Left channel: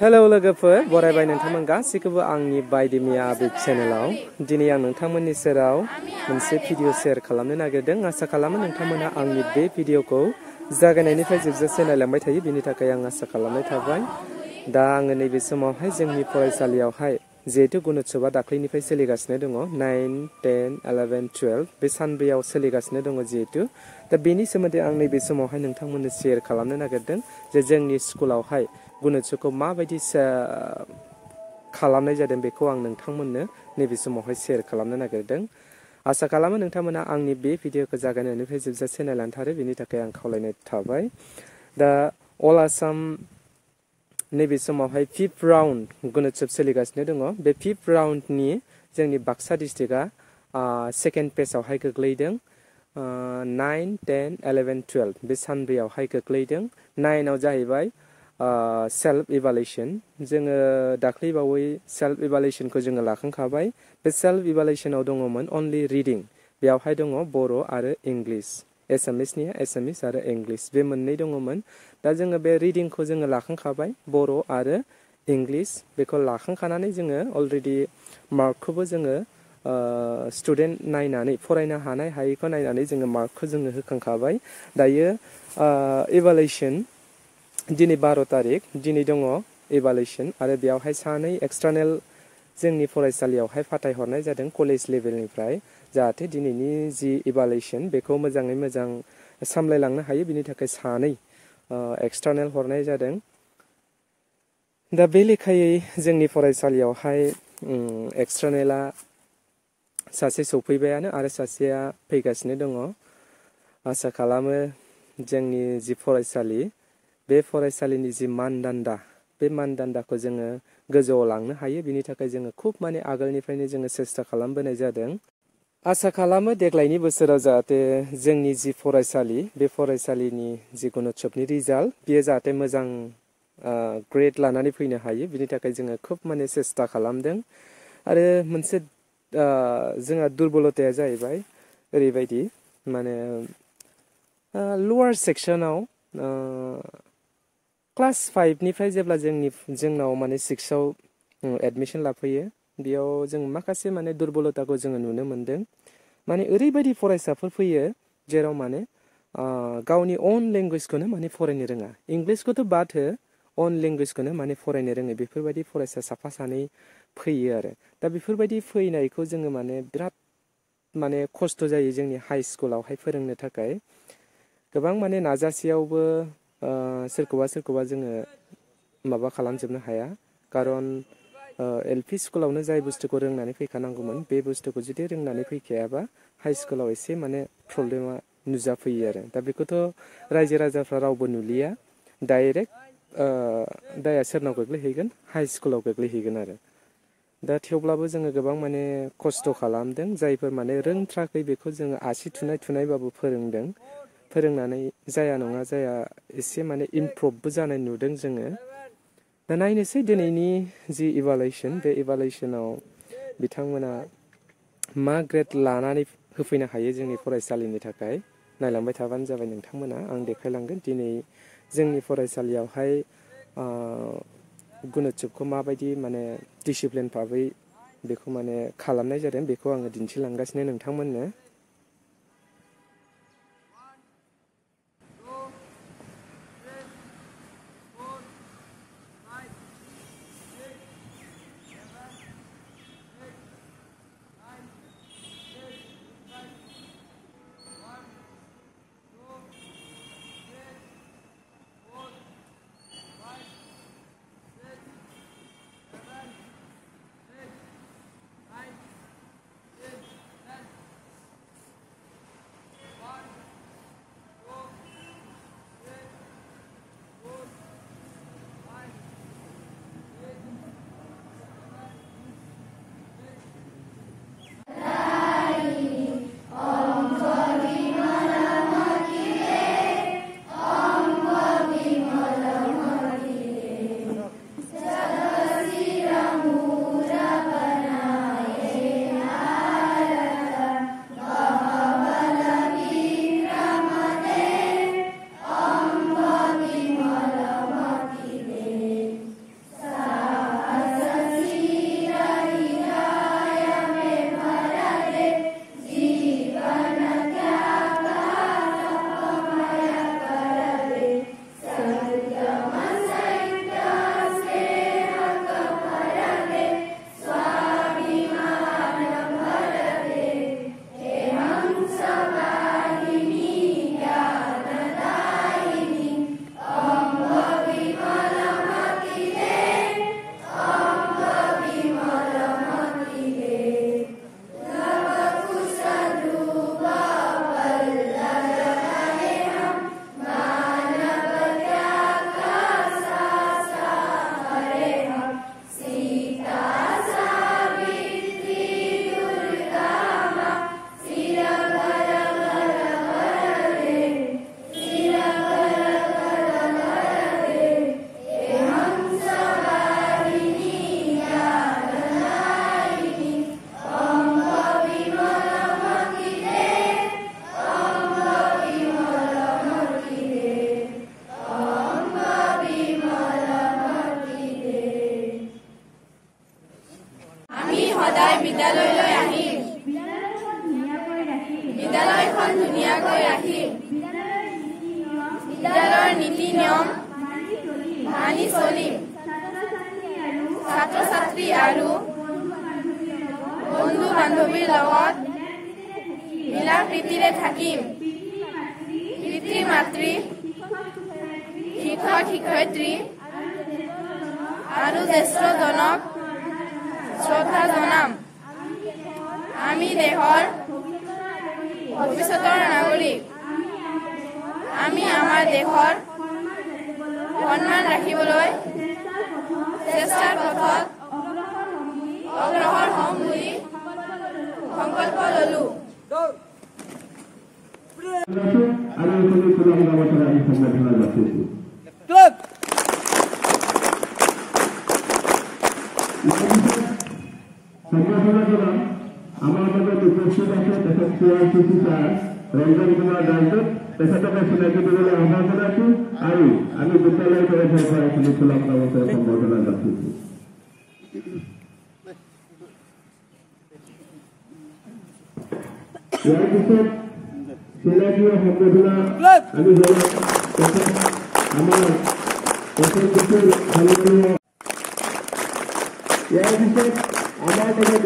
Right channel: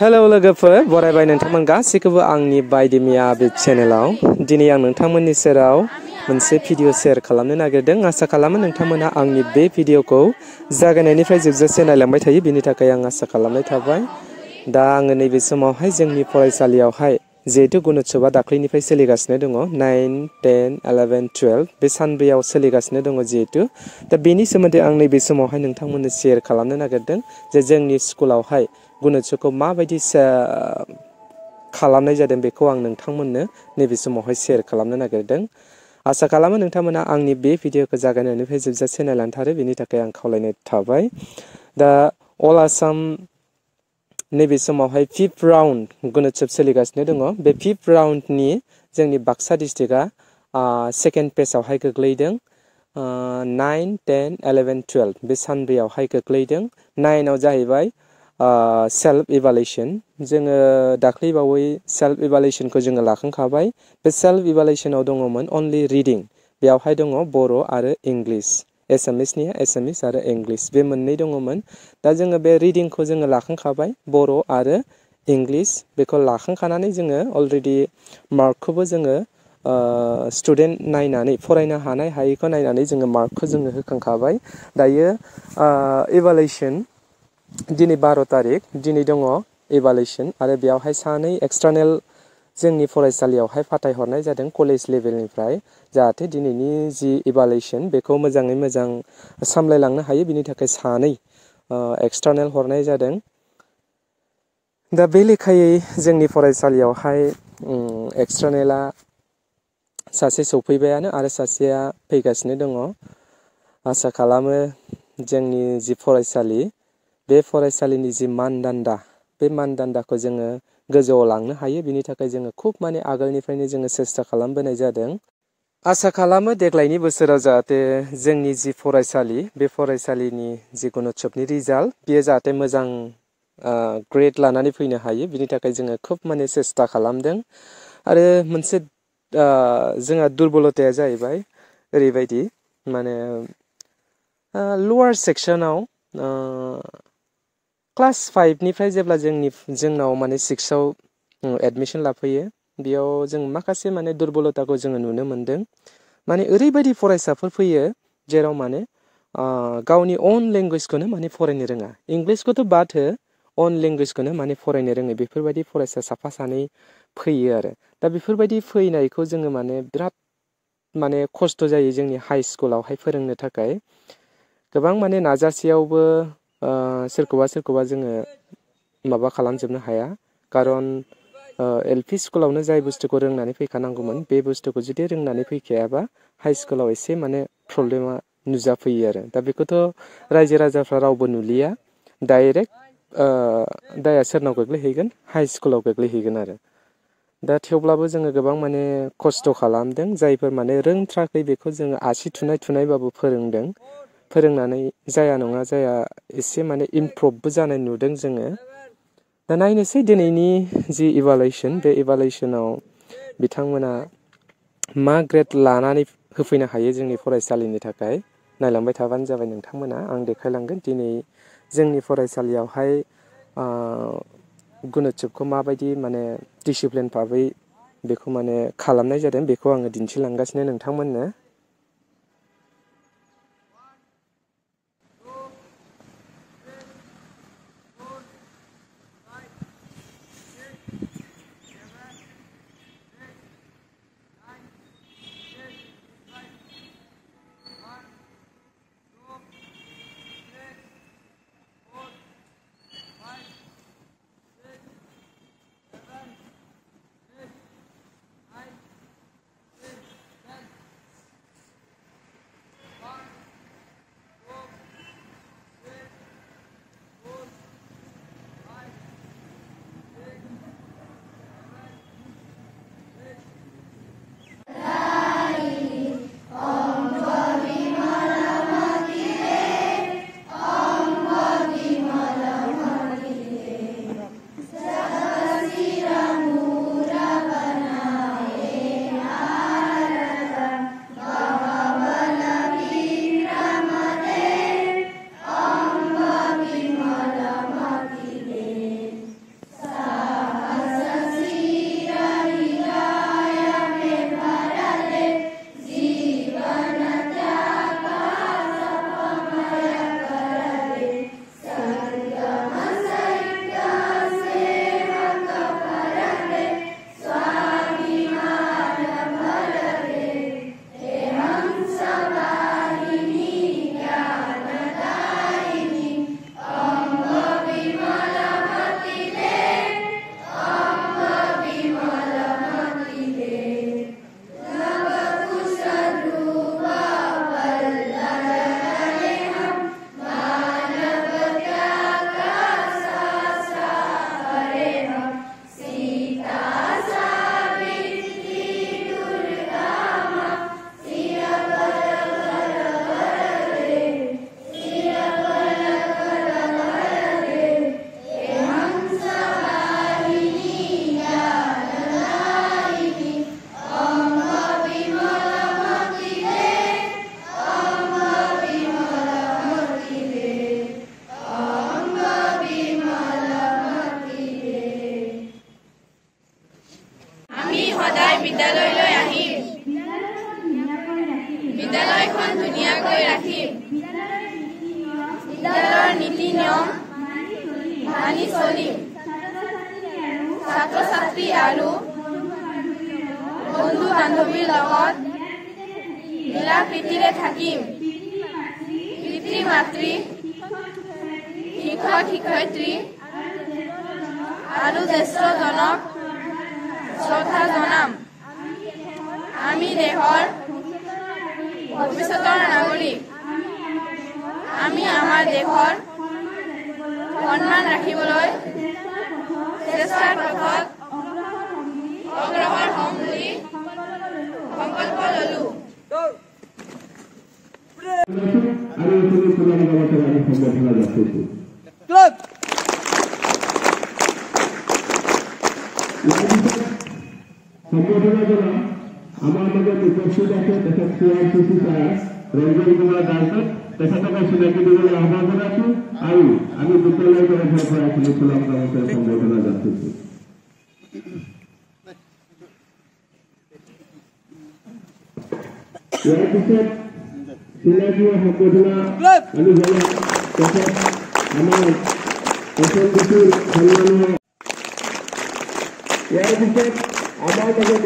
Hello लोगोफोर बरायबाय नोंथांमोन गासैखौबो आंनि बायदिमिया बे चेनेलाव दिनै आं नोंथांमोननि सेराव मोनसे भिडिअ शेयार खालामनो नागिरदों आसा खालामो नोंथांमोना आंनि बे भिडिअखौ जागायनायनिफ्राय जोबजासे नायलांबाय थायो बेनि थाखाय आं आसा खालामनाय थाबाय दा आङो नैबे समावहाय जोंनि फरायसालियावहाय जिहेतु गुनोत्सबआ दाख्लैनिफ्राय सोलिगासिनो दङ 9, 10, 11, 12 बे सानब्रैयाव सोलिगासिनो दङ जिहेतु दा बेनि सोमोन्दै आं नैबे समावहाय नोंथांमोननो शेयार खालामनो नागिरदों जे जोंनि स्कुलावहाय गुनोत्सबखौ माबायदि खालामनाय जादों बेखौ आं नोंथांमोननो नैबे समावहाय शेयार खालामनो नागिरदों आसा खालामो नोंथांमोना आंनि बे भिडिअखौ जागायनायनिफ्राय जोबजासे नायलांथारो बेनि थाखाय आं खावलायनाय थाबाय दा अल आसाम नैबे समावहाय 5th राउन्ड गुनोत्सब सोलिगासिनो दङ बे 5th राउन्डनि जोंनि बाक्सा डिस्ट्रिक्टआ सेकेन्ड पेजआवहाय गोग्लैदों 9, 10, 11, 12 बे सानब्रैयावहाय गोग्लैदों 9आव जाहैबाय सेल्फ इभालुएसन जोङो दाख्लैबावै सेल्फ इभालुएसनखौ जोङो लाखांखाबाय बे सेल्फ इभालुएसनाव दङमोन अनलि रिडिं बेयावहाय दङ बर' आरो इंलिश एसामिसनिया एसामिस आरो इंलिश बे मोननै दङमोन दा जोङो बे रिडिंखौ जोङो लाखांखाबाय बर' आरो इंलिश बेखौ लाखांखानानै जोङो अलरेडि मार्कखौबो जोङो स्टुडेन्ट नायनानै फरायनो हानाय हायैखौ नायनानै जोङो मार्कखौ जोङो होखांखाबाय दायो इभालुएसन दिनै 12 तारिख दिनै दङ इभालुएसन आरो बेयावहाय सानै एक्सटार्नेल जोंनि फरायसालियावहाय फाथायहरनाय जादों कलेज लेभेलनिफ्राय जाहाथे दिनैनि जि इभालुएसन बेखौ मोजाङै मोजां सामलायलांनो हायो बिनि थाखाय सानै एक्सटार्नेल हरनाय जादों दा बे लेखायै जोंनि फरायसालियावहाय एक्सटार्नेला सासे सफैबायानो आरो सासेया फैगासिनो दङ आसा खालामो जोंनि जि फरायसालि बे फरायसालिनि जि मानदान्दा बे मानदान्दाखौ जोङो गोजौआव लांनो हायो बिनि थाखाय जोङो खुब माने आगोलनिफ्रायनो जोङो सेस्था खालामबोनाय जादों आसा खालामो देग्लायनि बोसोराव जाहाथे जोंनि जि फरायसालि बे फरायसालिनि जि गुनोत्सबनि रिजाल्ट बेयो जाहाथे मोजां ग्रेड लानानै फैनो हायो बिनि थाखाय जोङो खुब माने सेस्था खालामदों आरो मोनसे जोंहा दुरबलताया जाहैबाय ओरैबायदि माने लवार सेक्सनाव क्लास 5 निफ्राय जेब्ला जोंनाव माने 6आव एडमिशन लाफैयो बेयाव जों माखासे माने दुरबलताखौ जोङो नुनो मोनदों माने ओरैबायदि फरायसाफोर फैयो जेराव माने गावनि अन लेंगुवेजखौनो माने फरायनो रोङा इंलिसखौथ' बाद हो अन लेंगुवेजखौनो माने फरायनो रोङो बेफोरबायदि फरायसा साफा सानै फैयो आरो दा बेफोरबायदि फैनायखौ जोङो माने बिराद माने खस्थ' जायो जोंनि हाइ स्कुलावहाय फोरोंनो थाखाय गोबां माने नाजासेयावबो सोरखौबा जोङो माबा खालामजोबनो हाया खारन एलपि स्कुलावनो जाय बुस्थुखौ रोंनानै फैखानांगौमोन बे बुस्थुखौ जुदि रोंनानै फैखायाबा हाइ स्कुलाव एसे माने प्रब्लेमा नुजाफैयो आरो दा बेखौथ' रायजो राजाफ्रा रावबो नुलिया डाइरेक्ट दाया सोरनाव गोग्लैहैगोन हाइ स्कुलाव गोग्लैहैगोन आरो दा थेवब्लाबो जोङो गोबां माने खस्थ' खालामदों जायफोर माने रोंथ्राखै बेखौ जोङो आसि थुनायबाबो फोरोंदों फोरोंनानै जाया नङा जाया एसे माने इमप्रुभबो जानाय नुदों जोङो दा नायनोसै दिनैनि जि इभालुएसन बे इभालुएसनाव बिथांमोना मा ग्रेड लानानै होफैनो हायो जोंनि फरायसालिनि थाखाय नायलांबाय थाबानो जाबाय नोंथांमोना आं देखायलांगोन दिनै जोंनि फरायसालियावहाय गुनोत्सबखौ माबायदि माने डिसिप्लिन भाबै बेखौ माने खालामनाय जादों बेखौ आङो दिन्थिलांगासिनो नोंथांमोननो আৰু বন্ধু বান্ধৱীৰ লগত মিলা প্ৰীতিৰে থাকিম। পিতৃ মাতৃ শিক্ষক শিক্ষয়িত্ৰী আৰু জ্যেষ্ঠজনক শ্ৰদ্ধা জনাম। আমি দেশৰ ভৱিষ্যতৰ নাগৰিক। আমি আমাৰ দেশৰ সন্মান ৰাখিবলৈ চেষ্টাৰ পথত অগ্ৰসৰ হ'ম বুলি সংকল্প ল'লো। আমাৰ মাজত উপস্থিত আছে তেখেত CRCC ছাৰ ৰঞ্জন কুমাৰ দাসক তেখেতকে চিনাকি দিবলৈ আহ্বান জনাইছো আৰু আমি বিদ্যালয় তৰফৰ পৰা এইখিনি চলাম সম্বৰ্ধনা যাচিছো। ইয়াৰ পিছত চিনাকি সম্বৰ্ধনা আমি জনাম তেখেত আমাৰ সন্মানীয় ইয়াৰ পিছত আমাৰ মাজত